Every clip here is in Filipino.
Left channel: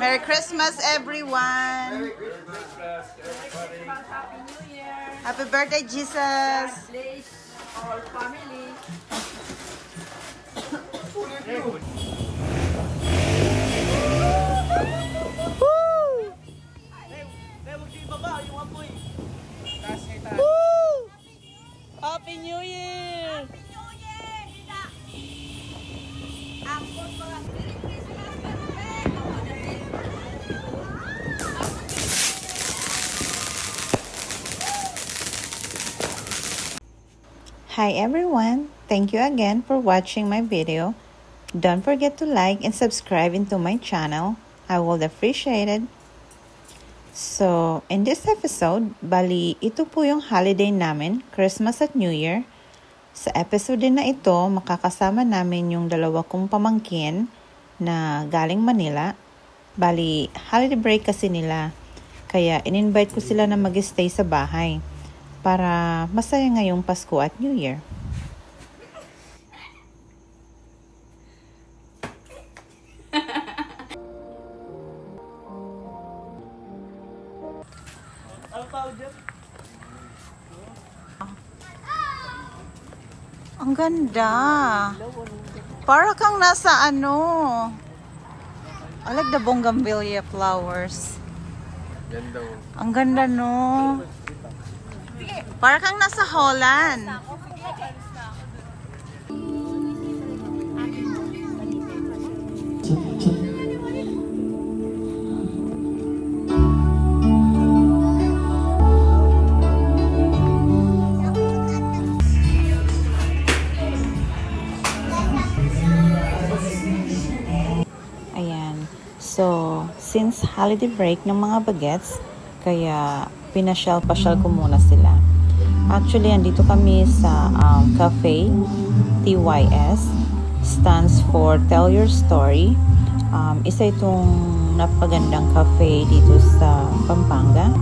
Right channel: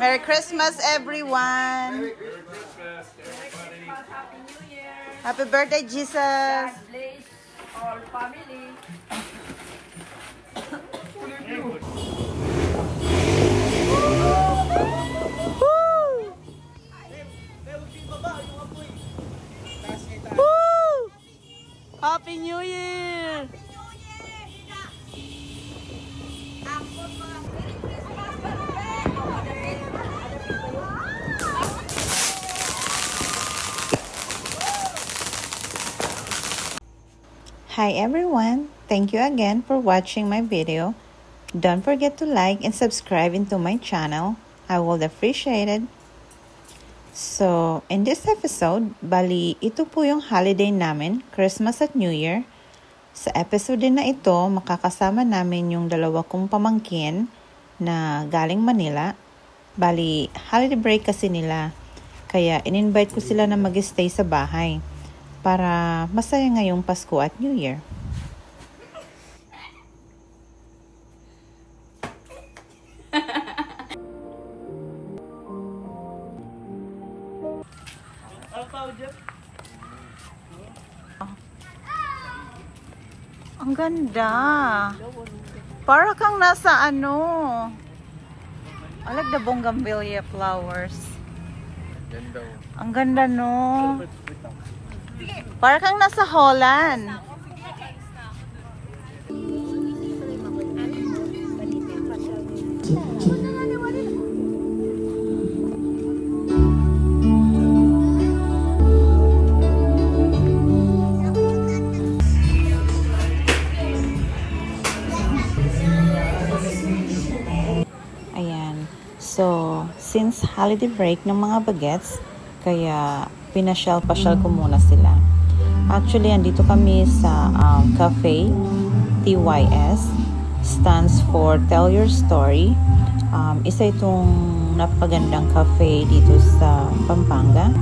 Merry Christmas, everyone. Merry Christmas, everybody. Happy New Year. Happy birthday, Jesus. God bless all family. Happy New Year! Hi everyone! Thank you again for watching my video. Don't forget to like and subscribe into my channel. I would appreciate it. So, in this episode, bali, ito po yung holiday namin, Christmas at New Year. Sa episode din na ito, makakasama namin yung dalawa kong pamangkin na galing Manila. Bali, holiday break kasi nila. Kaya, in-invite ko sila na mag-stay sa bahay para masaya ngayong Pasko at New Year. Ang ganda. Para kang nasa ano. I like the bougainvillea flowers. Ang ganda no. Para kang nasa Holland. So, since holiday break ng mga bagets, kaya pinasyal-pasyal ko muna sila. Actually, andito kami sa cafe, TYS, stands for Tell Your Story. Isa itong napagandang cafe dito sa Pampanga.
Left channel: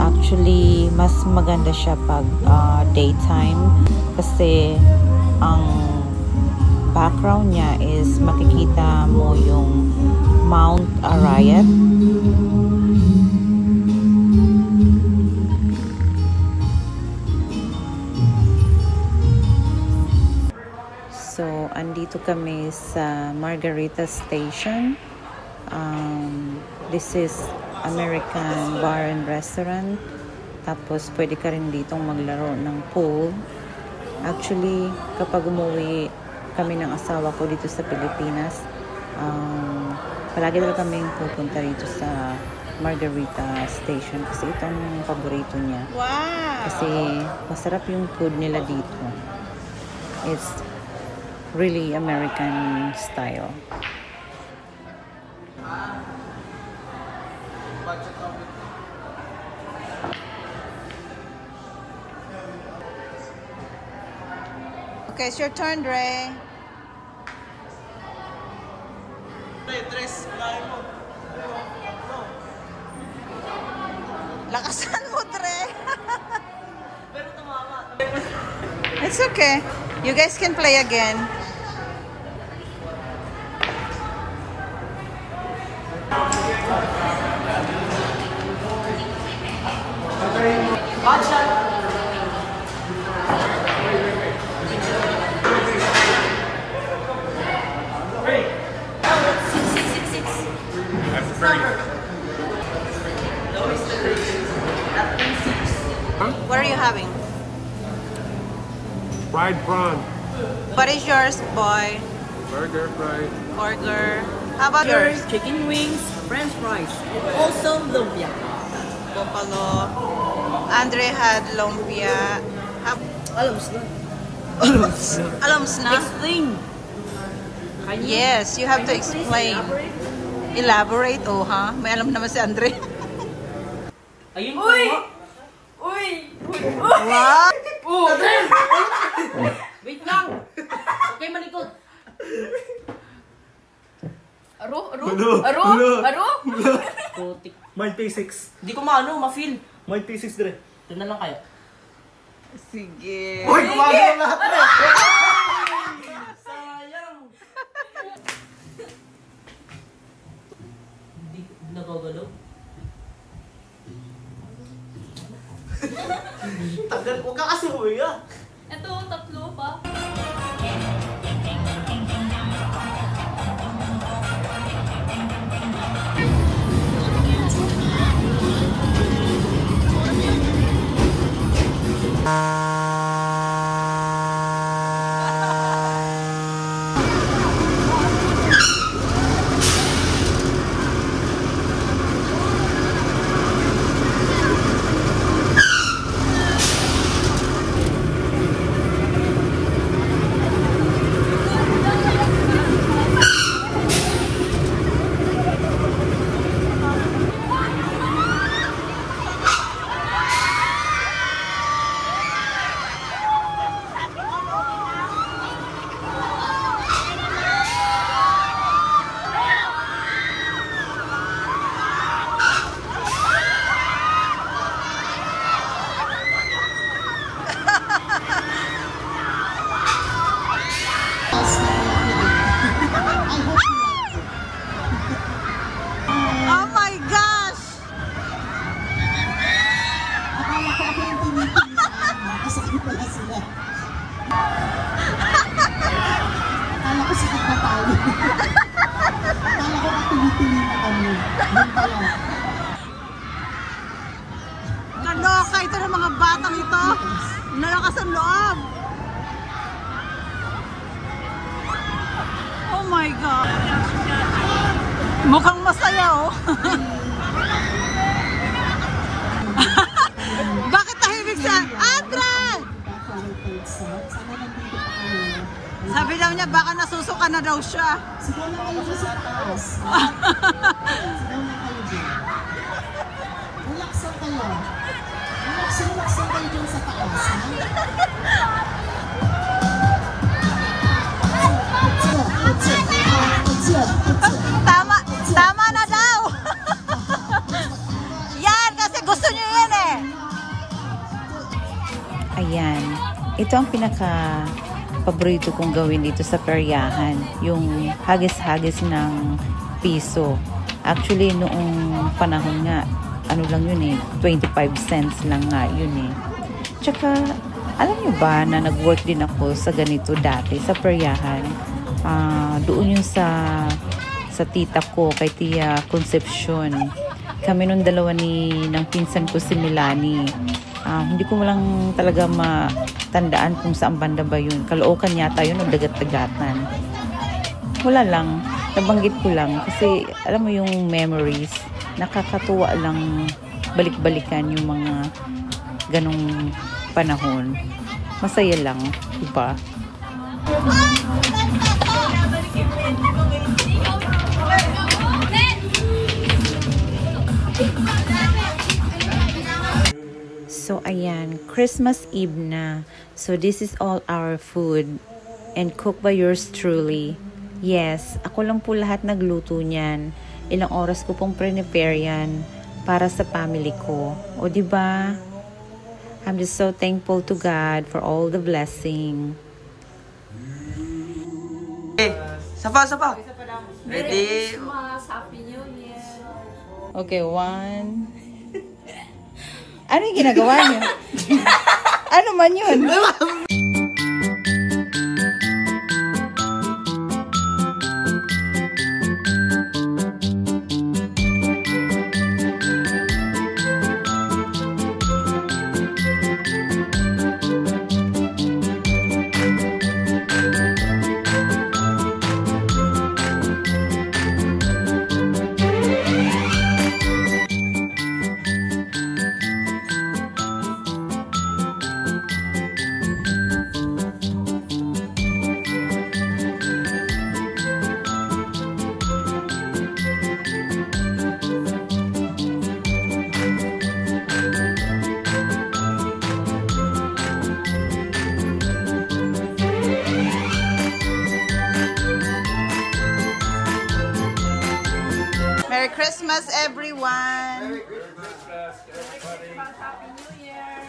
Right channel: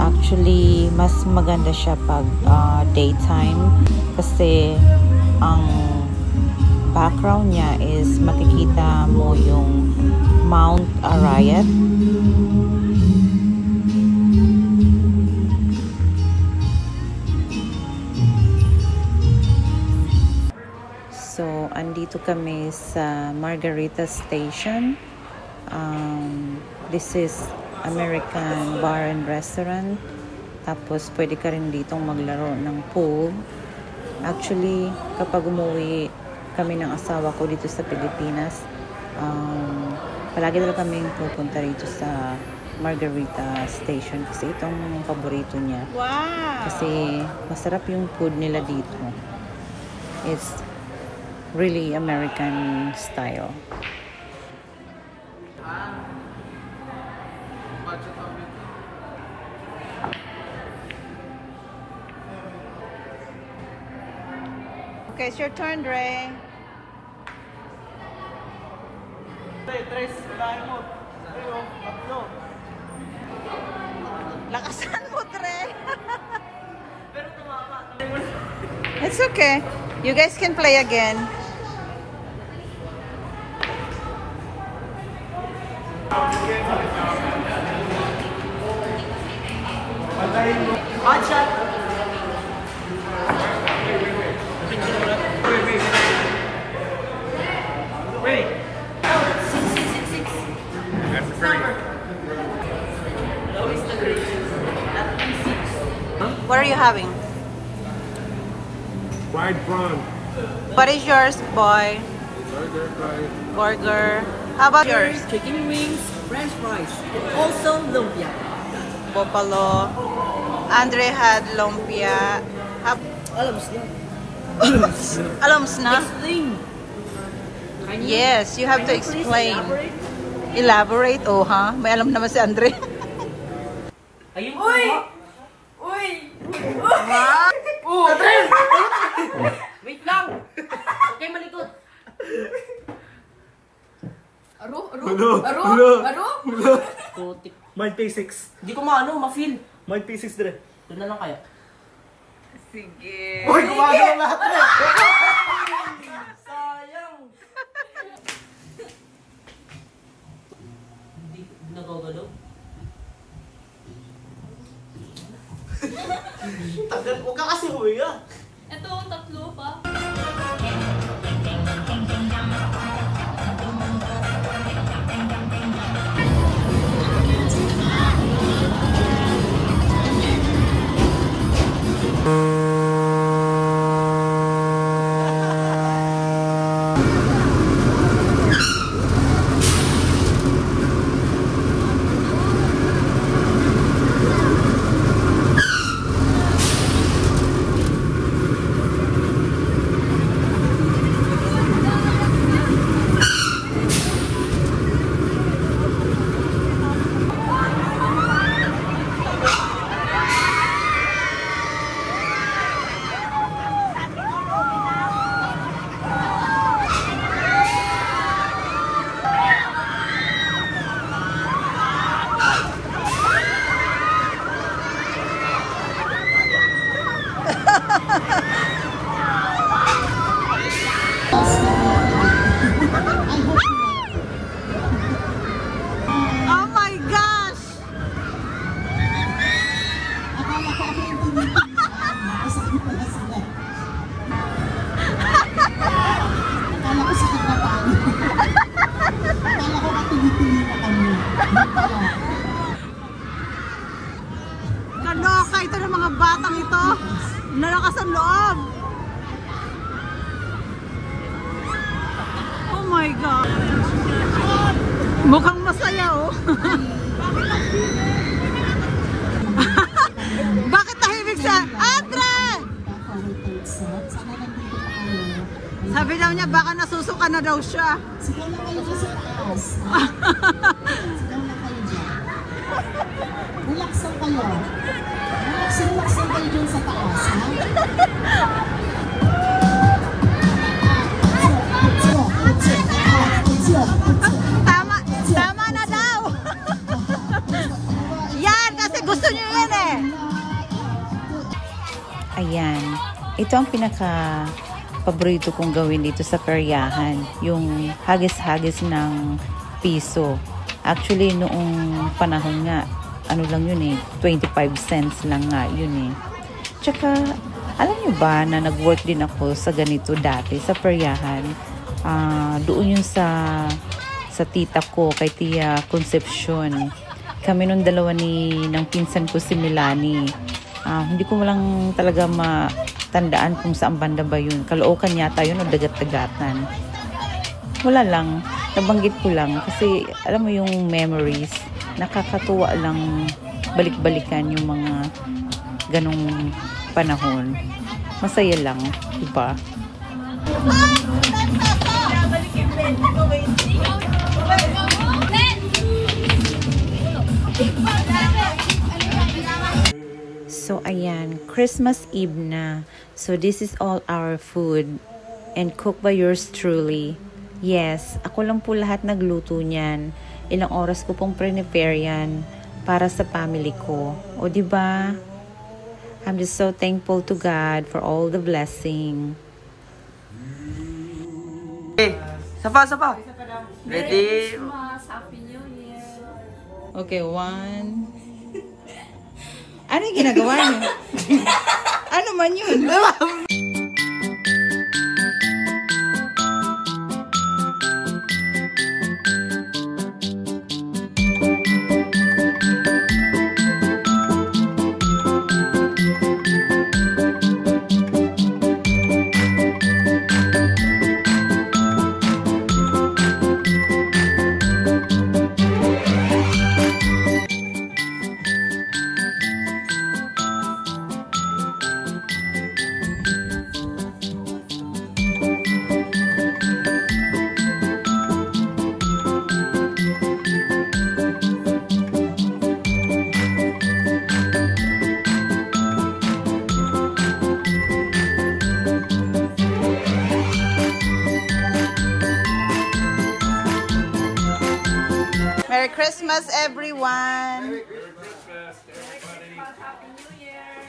Actually, mas maganda siya pag daytime kasi ang background niya is makikita mo yung Mount Arayat. So, andito kami sa Margarita Station. This is American Bar and Restaurant. Tapos, pwede ka rin ditong maglaro ng pool. Actually, kapag umuwi kami ng asawa ko dito sa Pilipinas, palagi talaga kaming pupunta rito sa Margarita Station kasi itong paborito niya. Wow! Kasi masarap yung food nila dito. It's really American style. Okay, it's your turn, Dre. Lakasan mo, Dre. It's okay. You guys can play again. What are you having? Fried prawn. What is yours, boy? Burger, fried. Burger. How about yours? Chicken wings, French fries, also lumpia. Buffalo. Andre had lumpia. Alam mo Alams na? Explain. Yes, you have to explain. Elaborate, oh ha? May alam naman si Andre. Ayun Uy! po. Uy! Wow! Andre! Wait lang. Okay, malikot. Aro? Aro? Hello? Aro? Hello? Aro? Putik. Might P6. Hindi ko ma-feel. Might P6 dire. Ito na lang kaya. Sige. Uy, gumagalaw lahat dire. Sayang. Tagal, huwag ka kasi humiga. Ito, tatlo pa. Oh my gosh! Kaloka ito ng mga batang ito. Nalakas ang loob. Oh my God. Mukhang masaya oh. Bakit tahimik siya? Andre! Sabi daw niya baka nasusuka na daw siya. Tama, tama na daw. Yan, kasi gusto niyo yan eh. Ayan, ito ang pinaka paborito kong gawin dito sa peryahan, yung hagis-hagis ng piso. Actually, noong panahon nga, ano lang yun eh, 25 cents lang nga yun eh. Tsaka, alam nyo ba na nag-work din ako sa ganito dati, sa peryahan. Doon yun sa tita ko, kay Tia Concepcion. Kami nung dalawa ng pinsan ko si Milani. Hindi ko lang talaga matandaan kung saan banda ba yun. Caloocan yata yun o Dagat-Dagatan. Wala lang. Nabanggit ko lang. Kasi alam mo yung memories. Nakakatuwa lang balik-balikan yung mga ganong panahon. Masaya lang. Diba? So, ayan, Christmas Eve na. So, this is all our food and cooked by yours truly. Yes, ako lang po lahat nagluto niyan. Ilang oras ko pong prepare yan para sa family ko. O, diba? I'm just so thankful to God for all the blessing. Okay, sapa. Ready? Christmas, Happy New Year. Okay, 1. Ano yung ginagawa niyo? Ano man yun? Merry Christmas, everyone!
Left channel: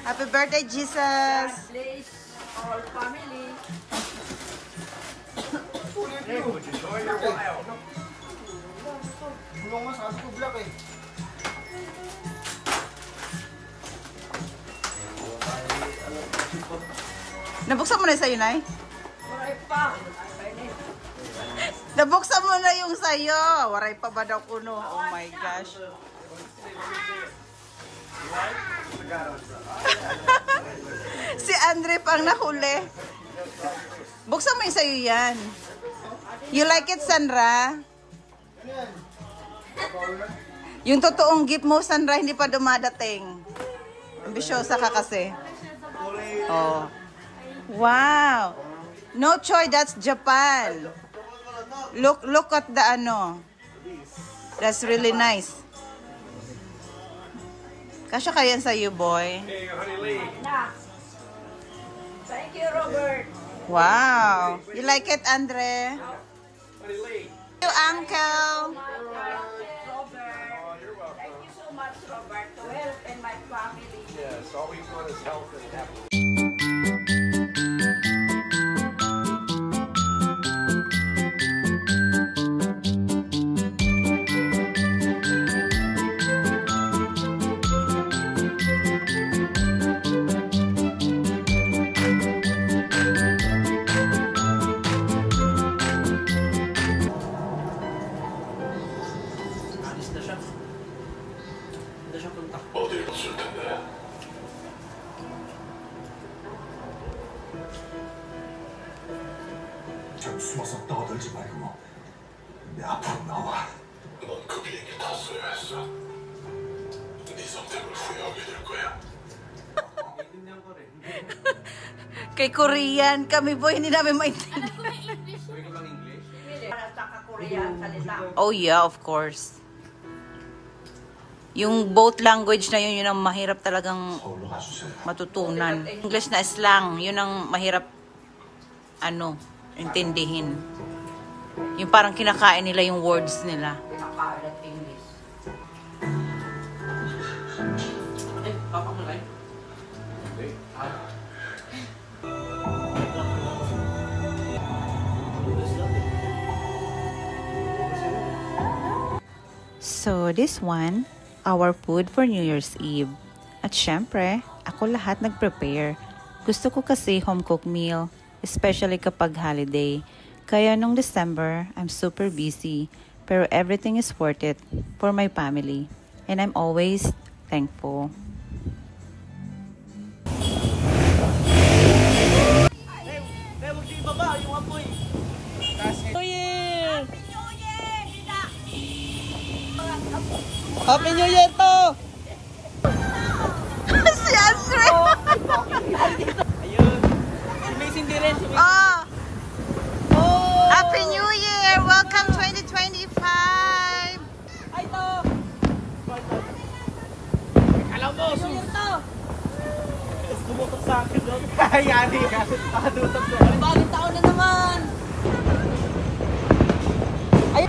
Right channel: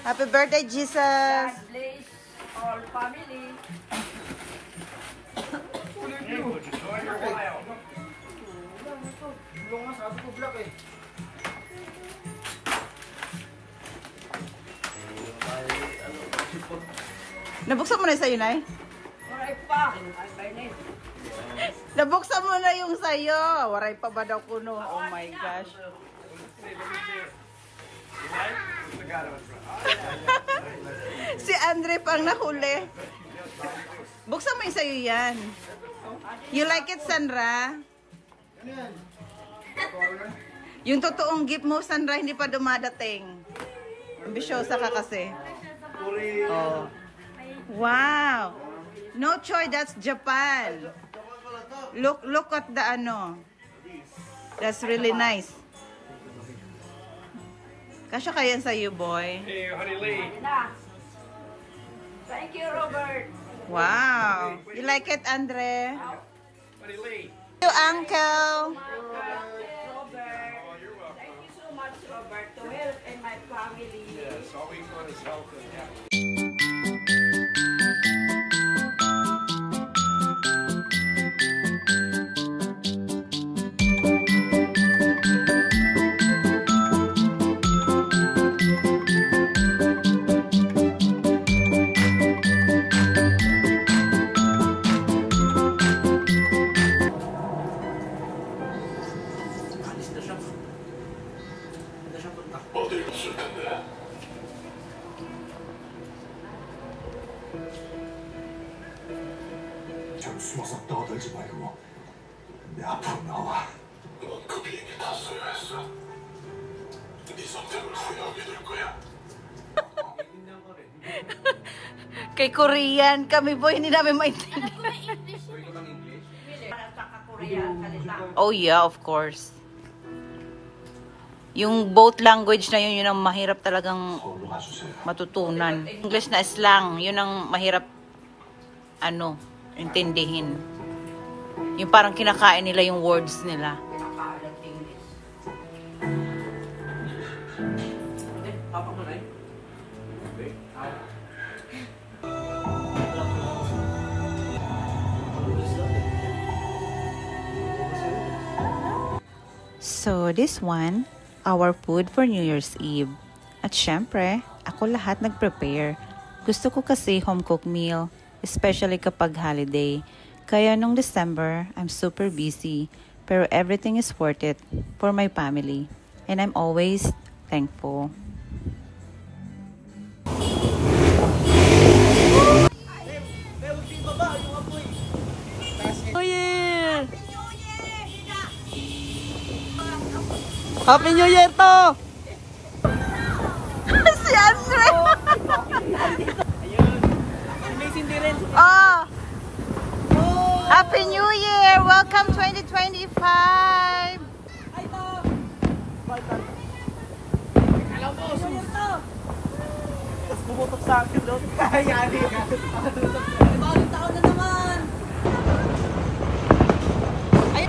Happy birthday, Jesus! Bless all family. Nabuksan mo na sa'yo, Nay? Nabuksan mo na yung sa'yo. Waray pa ba daw kuno? Oh my gosh. Si Andre pang nahuli. Buksan mo yung sa'yo yan. You like it, Sandra? Yung totoong gift mo, Sandra, hindi pa dumadating. Ambisyosa ka kasi. Oh. Wow. No choy, that's Japan. Look at the ano. That's really nice. Kasya kaya sa you, boy. Hey, Honey Lee. Thank you, Robert. Wow. You like it, Andre? Honey Lee. Thank you, Uncle. Robert. Thank you so much, Robert, to help in my family. Yes, all we want is health and happiness. 어딜 봤을 텐데. 좀 숨어서 떠들지 말고 내 앞으로 나와. 넌 그 비행기 탔어야 했어. 네 선택을 후회하게 될 거야. Kay Korean kami, boy. Hindi namin maintindihan. Oh yeah, of course. Yung both language na yun ang mahirap talagang 서울로 가주세요. matutunan. English na slang, yun ang mahirap intindihin. Yung parang kinakain nila yung words nila. So this one, our food for New Year's Eve. At syempre, ako lahat nag-prepare. Gusto ko kasi home-cooked meal, especially kapag holiday. Kaya nung December, I'm super busy. Pero everything is worth it for my family. And I'm always thankful. Happy New Year to! Si Andre! Ayun. Amazing din rin. Oh! Happy New Year! Welcome 2025! Ay to! Alam mo, New Year to! Tapos bumutok sa akin doon. Yani. Pakadutok ko. Bagong taon na naman! Ay!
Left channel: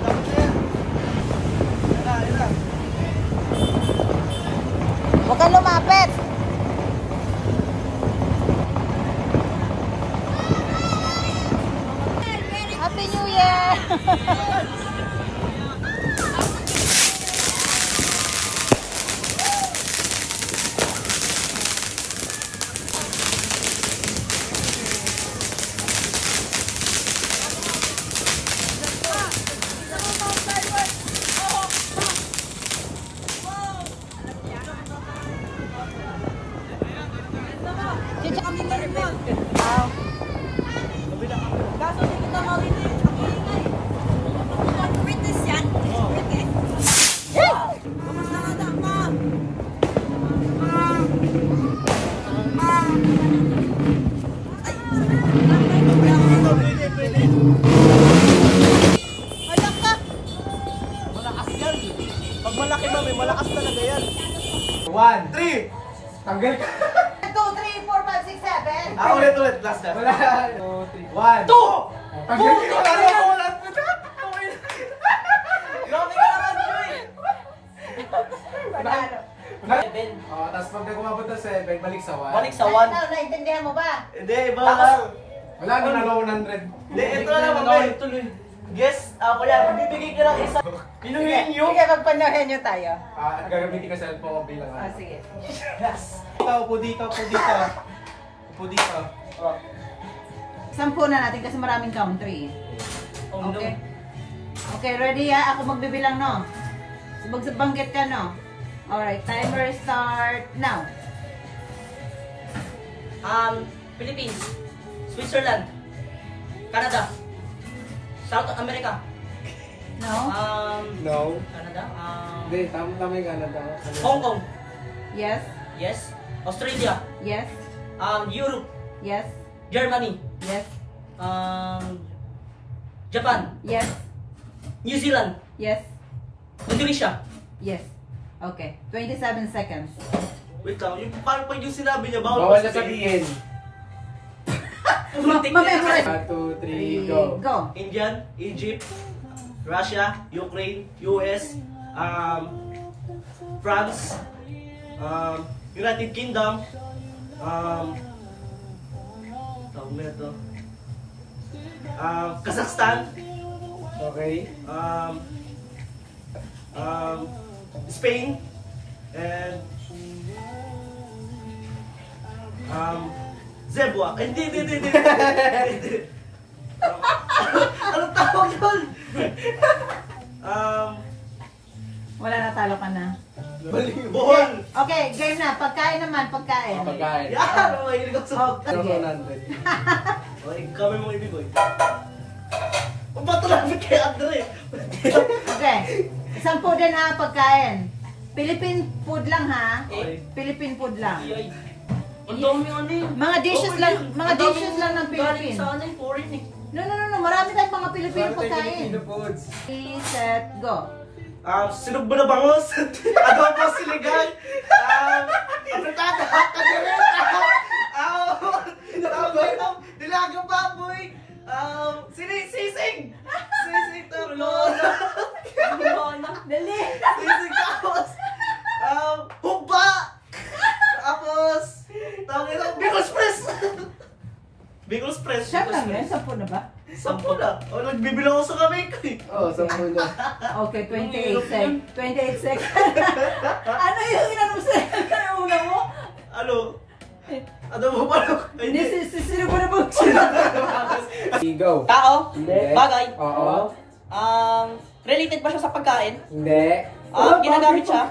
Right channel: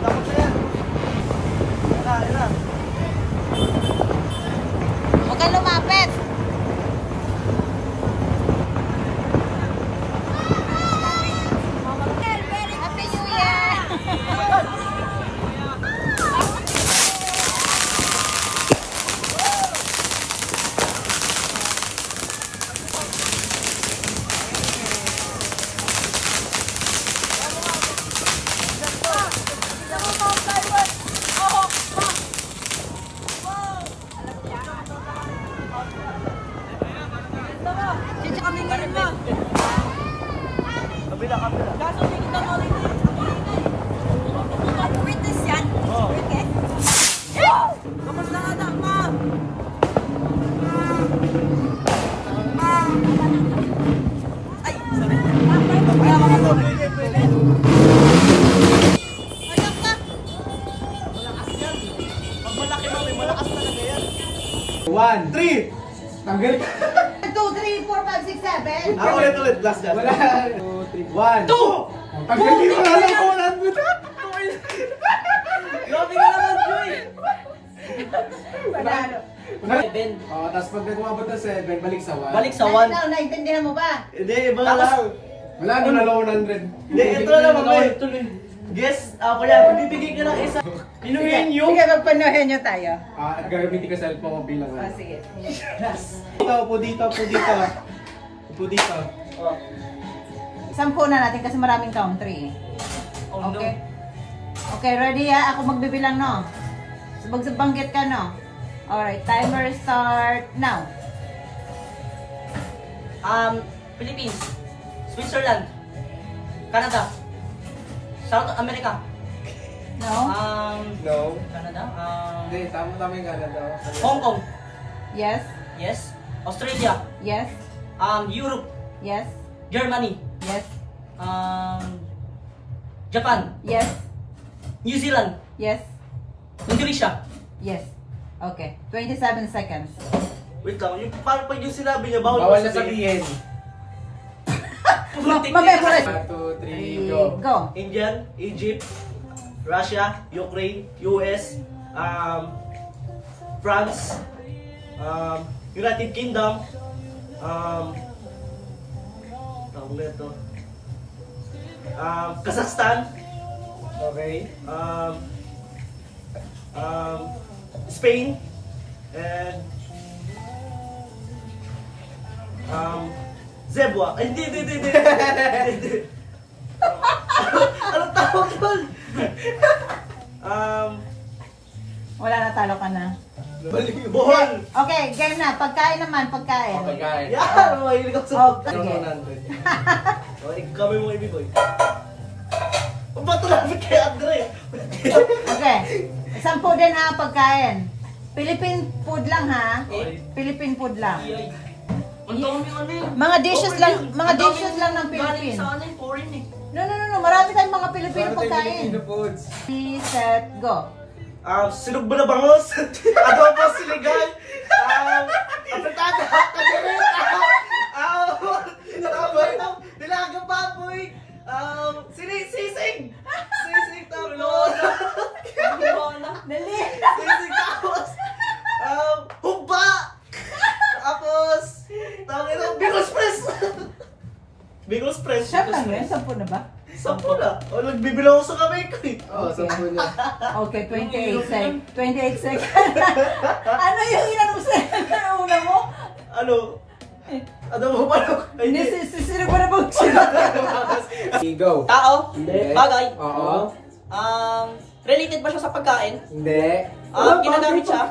Dapat na yan. Yan na. Huwag kang lumapit! Happy New Year! One, three! Tanggal ka! 2, 3, 4, 5, 6, 7. Ulit, last na. Wala. 1, 2! Tanggal ka! Wala ko, 100! Grabe ka naman, Joy! Oh, tapos pag nagumabot ng 7, balik sa 1. Balik sa 1. Naintindihan mo ba? Hindi, iba lang. Wala na 100. Hindi, ito na lang, mamay. Guess, ako yan. Magbibigay ka ng isa. Pinuhin yung... Sige, magpanuhin nyo tayo. At gagamitin ko cellphone ko bilang O, sige. Upo dito, upo dito. Upo dito. Sampu na natin kasi maraming country. Okay? Okay, ready ha? Ako magbibilang, no? Magbanggit ka, no? Alright, timer start now. Philippines, Switzerland, Canada, South America, No? No. Canada, Hindi, tama yung Canada. Hong Kong, Yes? yes, Australia, Yes? Europe, Yes? Germany, Yes? Japan, Yes? New Zealand, Yes? Indonesia. Yes. Okay, 27 seconds. Wait lang, yung paano pa yung sinabi niya, Bawal na sabihin. Mamemorize. 1, 2, 3, go. Go. Indian, Egypt, Russia, Ukraine, US, France, United Kingdom, tawag na ito, Kazakhstan, Okay. Spain, and Zebwa. Ay, hindi. Anong tawag doon? Wala na, talo ka na. Bohol. Okay, game na. Pagkain naman, pagkain. Pagkain. Yan, mahilig ako sa Oh, Ano sige. 100? okay, kami mga ibiboy. Ang bato lapit kay Andre. Okay. 10 din ha, pagkain. Philippine food lang ha. Okay. Philippine food lang. Ay, ang dami ano eh. Mga dishes Okay lang, yun. mga Ang dami dishes lang ng galing Philippine. sa ano eh, foreign eh. No. Marami tayong mga Philippine Para tayo pagkain. Filipino foods. 3, set, go. Sinog ba na bangos? Adobo siligan. Apritada. Kagulita. Nilagang baboy. Sisig. Sisig tapos. Dali. Sisig tapos. Hugba. Tapos. Tawag ito. Bigos press. Bigos press. Chef lang yun, 10 na ba? 10 na. Nagbibilang ako sa kamay ko eh. Oo, 10 na. Okay, 28 seconds. 28 seconds. Ano yung inanong sa una mo? Ano? Ano mo pa? Hindi, sino ba na bang sila? Go. Tao? Hindi. Bagay? Oo. Related ba siya sa pagkain? Hindi. Ginagamit siya?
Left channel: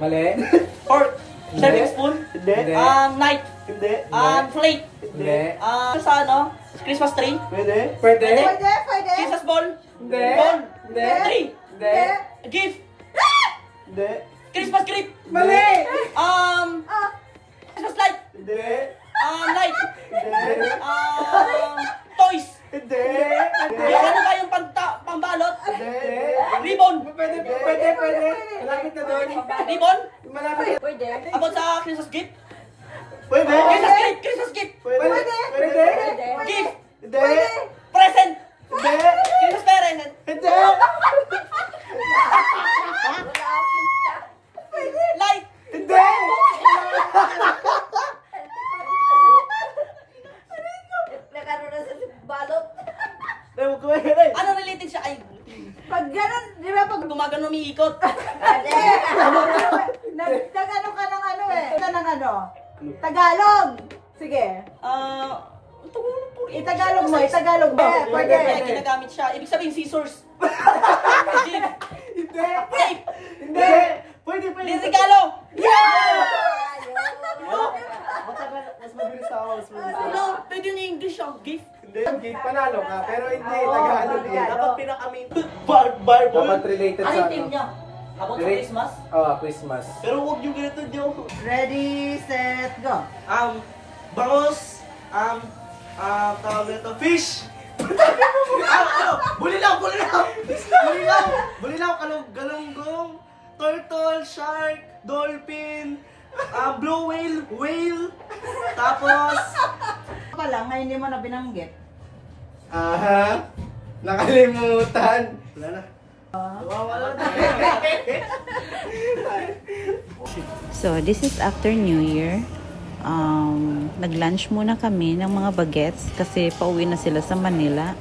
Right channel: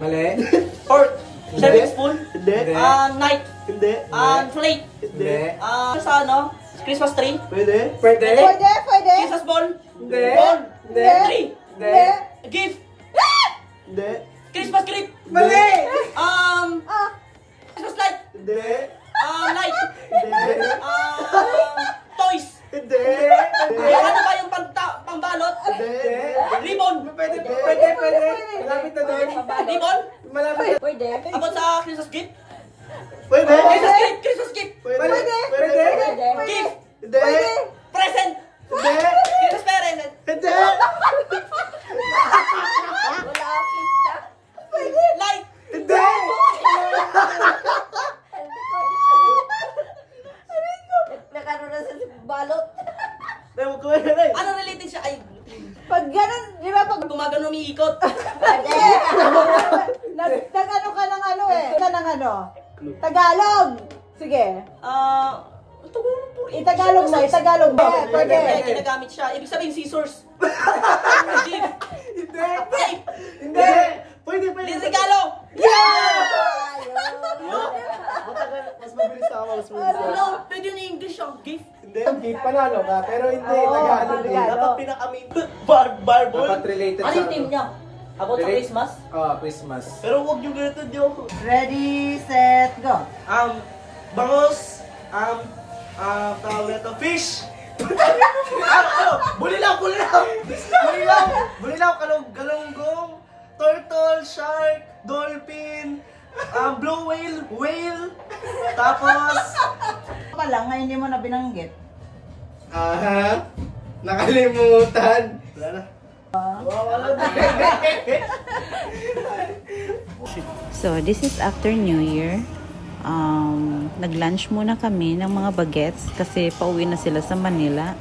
Mali. Fork? Serving spoon? Hindi. Knife? Hindi. Plate? Hindi. Sa ano? Christmas tree? Pwede. Pwede. Christmas ball? Hindi. Ball? Hindi. Tree? Hindi. Gift? Hindi. Christmas gift? Mali. Christmas light? Hindi. Light? Hindi. Toys? Hindi. Yung ano ba yung pambalot? Hindi. Ribbon? Pwede. Malapit na doon. Ribbon? Malapit. Pwede. About sa Christmas gift? Pwede. Christmas gift! Christmas gift! Pwede. Gift! Hindi. Present! Hindi. Christmas present! Hindi. Light! Hindi. Nagkaroon na sa balot. Ano related siya? Ay, Pag ganun, di ba pag gumagano umiikot. nag-ano ka ng ano eh. Ng ano? Tagalog. Sige. Tagalog po. Itagalog mo. Pwede. Kaya ginagamit siya. Ibig sabihin scissors. Gift. Hindi. Tape. Hindi. Pwede. Regalo. Mas mabilis ako. Ano? Pwede yung English yung gift. Hindi. Panalo ka. Pero hindi. Tagalog eh. Dapat pinakamin. Barbol. Dapat related sa ano. niya? About sa Relate- Christmas? Christmas. Pero huwag yung ganito yung... Ready, set, go. Bangos. Tawag nito, fish. Bulilaw, galunggong, turtle, shark, dolphin, blue whale, tapos, Pa lang, ngayon hindi mo na binanggit. Aha. Nakalimutan. wala na. So, this is after New Year. Nag-lunch muna kami ng mga bagets kasi pauwi na sila sa Manila.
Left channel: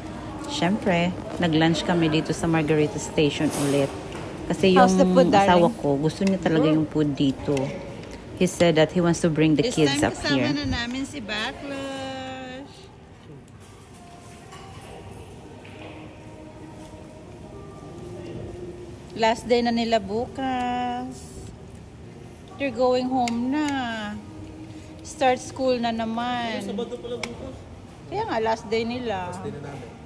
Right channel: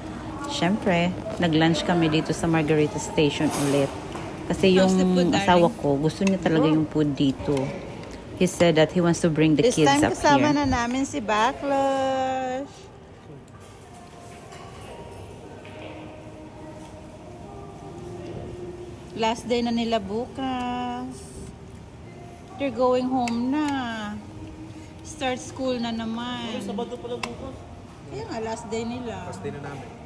Siyempre, nag-lunch kami dito sa Margarita Station ulit. Kasi yung asawa ko, gusto niya talaga yung food dito. He said that he wants to bring the kids up here. Kasama na namin si Backlash. Last day na nila bukas. They're going home na. Start school na naman. Sabado pala bukas. Kaya nga, last day nila. Last day na namin.